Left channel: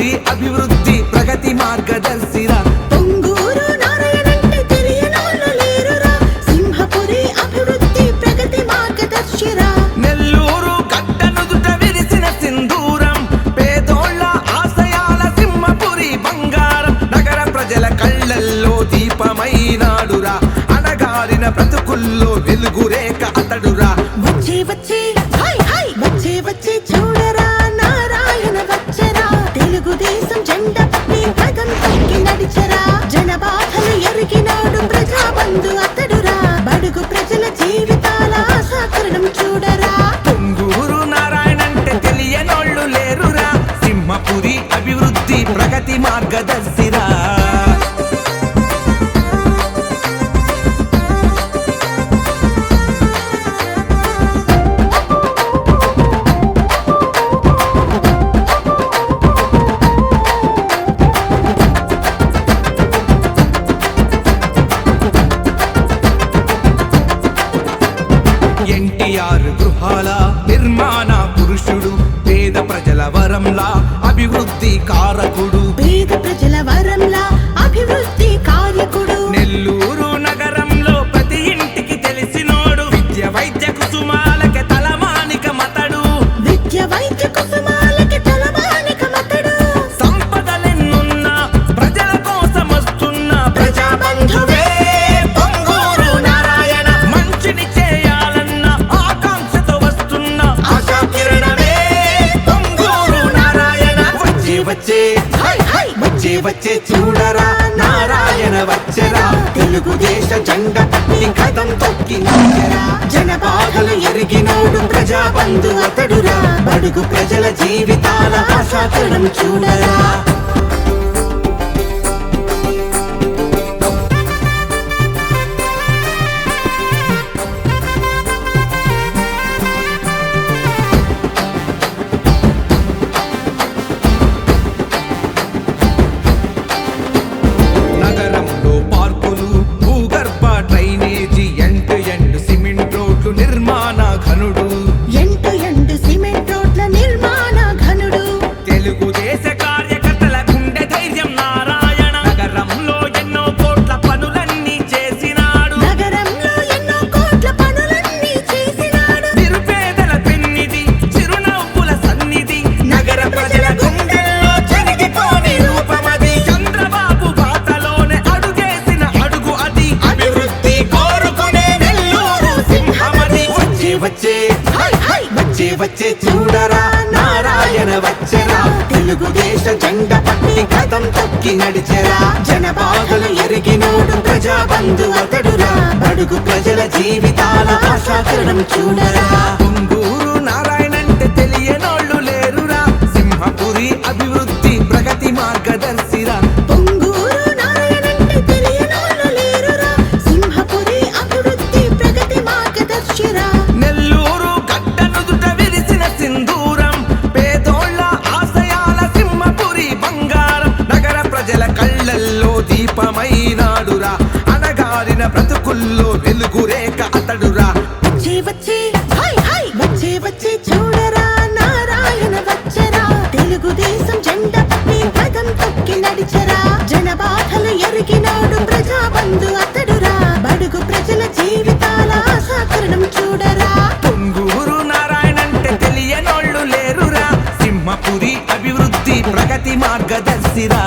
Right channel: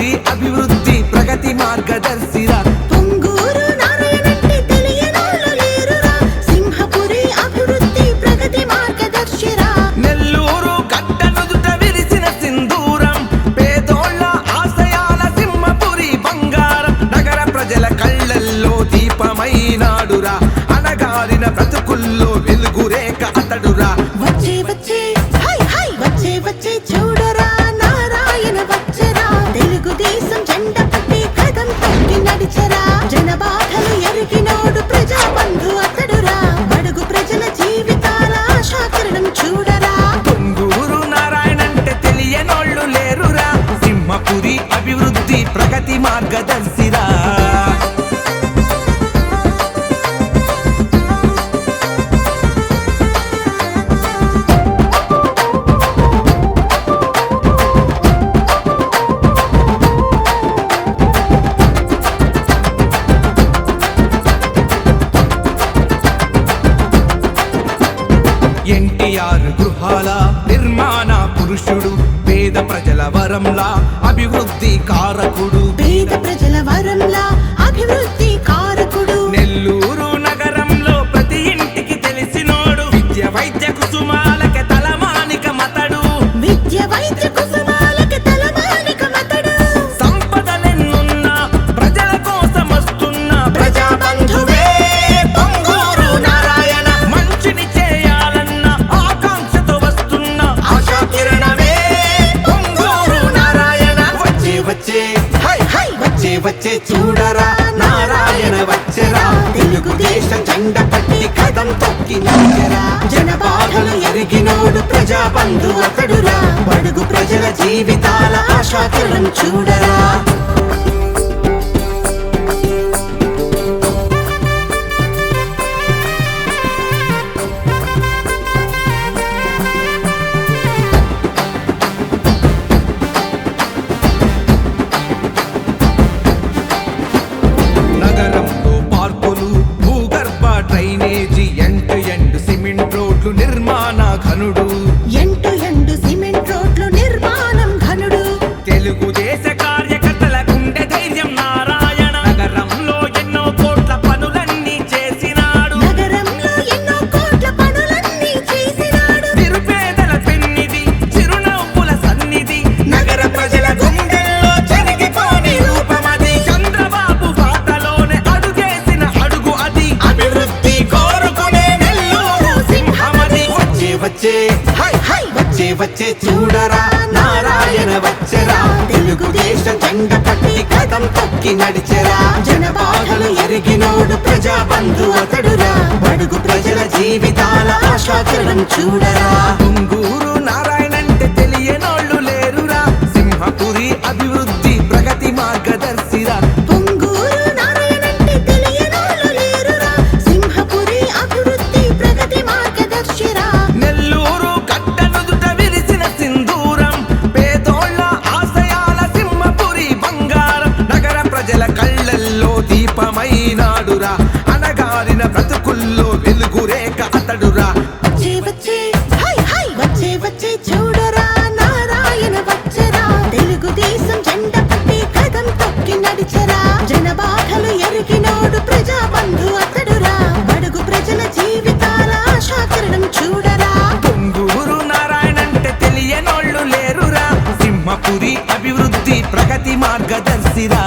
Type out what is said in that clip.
సింహపురి అభివృద్ధి ప్రగతి మార్గదర్శిరా. పొంగూరు నారాయణంటే తెలియనోళ్ళు లేరురా, సింహపురి అభివృద్ధి ప్రగతి మార్గదర్శిరా. నెల్లూరు గడ్డనుదుట విరిసిన సింధూరం, పేదోళ్ళ ఆశయాల సింహపురి బంగారం. నగర ప్రజల కళ్ళల్లో దీపమైనాడురా, అణగారిన బ్రతుకుల్లో వెలుగురేఖ అతడురా. వచ్చే వచ్చే హై హై వచ్చే వచ్చే చూడరా, నారాయణ వచ్చరా. తెలుగుదేశం జెండ పట్టి కదం తొక్కి నడిచరా. జనబాధలు ఎరిగినోడు ప్రజాబంధు అతడురా, బడుగు ప్రజల జీవితాల ఆశాకిరణం చూడరా. పొంగూరు నారాయణంటే తెలియనోళ్ళు లేరురా, సింహపురి అభివృద్ధి ప్రగతి మార్గదర్శిరా. ఎన్టీఆర్ గృహాల నిర్మాణ పురుషుడు, పేద ప్రజల వరంలా అభివృద్ధి కారకుడు. పేద ప్రజల వరంలా అభివృద్ధి కారకుడు. నెల్లూరు నగరంలో ప్రతి ఇంటికి తెలిసినోడు, విద్య వైద్య కుసుమాలకి తలమానిక మతడు. విద్య వైద్య కుసుమాలకి తలమానిక మతడు. సంపదలెన్నున్నా ప్రజల కోసం వస్తున్న ప్రజాబంధువే పొంగూరు నారాయణ. మంచిని చేయాలన్న ఆకాంక్షతో వస్తున్న ఆశాకిరణమే పొంగూరు నారాయణ. వచ్చే వచ్చే హై హై వచ్చే వచ్చే చూడరా, నారాయణ వచ్చరా. తెలుగుదేశ జెండ పట్టి కదం తొక్కి నడిచెరా. జనబాధలు ఎరిగినోడు ప్రజాబంధు అతడురా, బడుగు ప్రజల జీవితాల ఆశాకిరణం చూడరా. నగరంలో పార్కులు, భూగర్భ డ్రైనేజీ, ఎండ్ ఎండ్ సిమెంట్ రోడ్లు నిర్మాణ ఘనుడు. ఎంటు ఎండు సిమెంట్ రోడ్ల నిర్మాణ ఘనుడు. తెలుగుదేశ కార్యకర్తల గుండె ధైర్యం నారాయణ. నగరంలో ఎన్నో కోట్ల పనులన్నీ చేసినాడు. నగరంలో ఎన్నో కోట్ల పనులన్నీ చేసినాడు. నిరుపేదల పెన్నిది, చిరునవ్వుల సన్నిధి, నగర ప్రజల గుండెల్లో చెరిగిపోని రూపమది. చంద్రబాబు బాటలోనే అడుగేసిన అడుగు అది, అభివృద్ధి కోరుకునే నెల్లూరు సింహమది. వచ్చే వచ్చే హై హై వచ్చే వచ్చే చూడరా, నారాయణ వచ్చరా. తెలుగుదేశ జెండ పట్టి కదం తొక్కి నడిచెరా. జనబాధలు ఎరిగినోడు ప్రజాబంధు అతడురా, బడుగు ప్రజల జీవితాల ఆశాకిరణం చూడరా. పొంగూరు నారాయణంటే తెలియనోళ్ళు లేరురా, సింహపురి అభివృద్ధి ప్రగతి మార్గదర్శిరా. పొంగూరు నారాయణంటే తెలియనోళ్ళు లేరురా, సింహపురి అభివృద్ధి ప్రగతి మార్గదర్శిరా. నెల్లూరు గడ్డనుదుట విరిసిన సింధూరం, పేదోళ్ళ ఆశయాల సింహపురి బంగారం. నగర ప్రజల కళ్ళల్లో దీపమైనాడురా, అణగారిన బ్రతుకుల్లో వెలుగురేఖ అతడురా. వచ్చే వచ్చే హై హై వచ్చే వచ్చే చూడరా, నారాయణ వచ్చరా. తెలుగుదేశం జెండ పట్టి కదం తొక్కి నడిచరా. జనబాధలు ఎరిగినోడు ప్రజాబంధు అతడురా, బడుగు ప్రజల జీవితాల ఆశాకిరణం చూడరా. పొంగూరు నారాయణంటే తెలియనోళ్ళు లేరురా, సింహపురి అభివృద్ధి ప్రగతి మార్గదర్శిరా.